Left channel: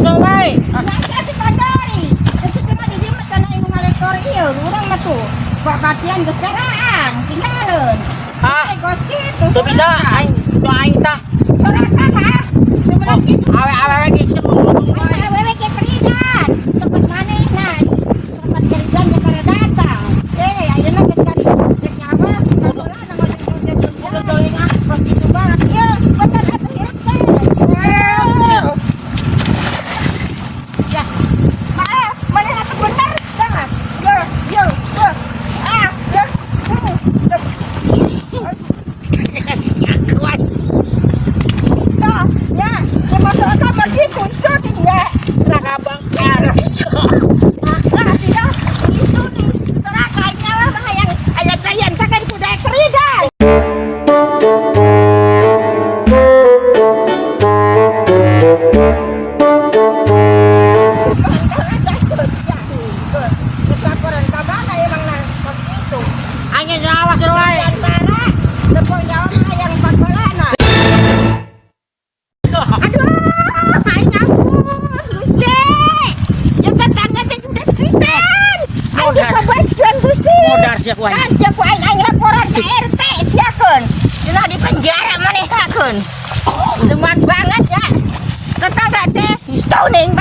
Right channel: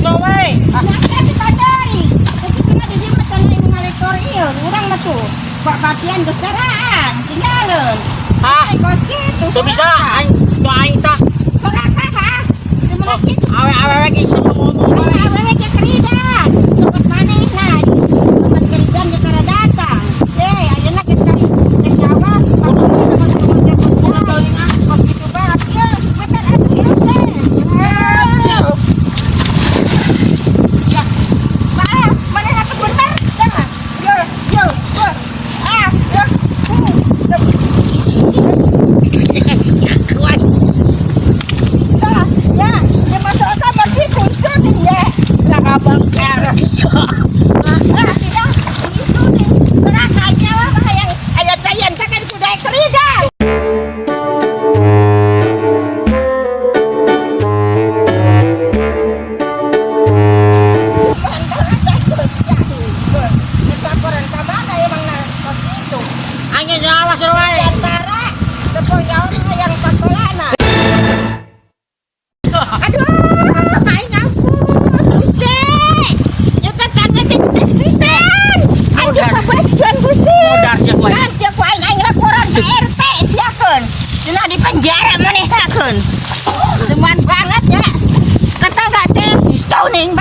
somai. Ya dikandari. Tapi kena di dia macam ibu ngalekor iya, urang mah tuh. Pak batian geus daraan, tinggalin. Ha? Kos kitu. Tuh bisa aing tuh aing tah. Soraka ha. Sebenarnya kitu. Awe ge ngomong wae. Awewe ke keridan. Tempat manehna. Tempat keridan di kana datang. Ayeuna kita teh Jawa. Udah tanging ah, kitu banget. Ieu, bener atuh ieu teh. Ya. Maaf, manehna teh bener. Dah. Yo. Ah, yo. Kuat. Dah, ya. Dia masuk sama gitu, itu dia. Abang. Tidak, itu di serakanya lah yang ayat sayan kan sudah keridan. Laporan ke mana emang kos itu? Angin Jawa suruh wae. Antara lepon Jawa yang 14 nah. Aduh, aing ampun, Gusti. Yang tetangga teh geus pisan. Aing pabaskeun Gusti. Modar siap wae. Kan siap aing laporan ke RT siakeun. Cenah di penjara manehnakeun. Teman banget ya. Tetangga teh istau ning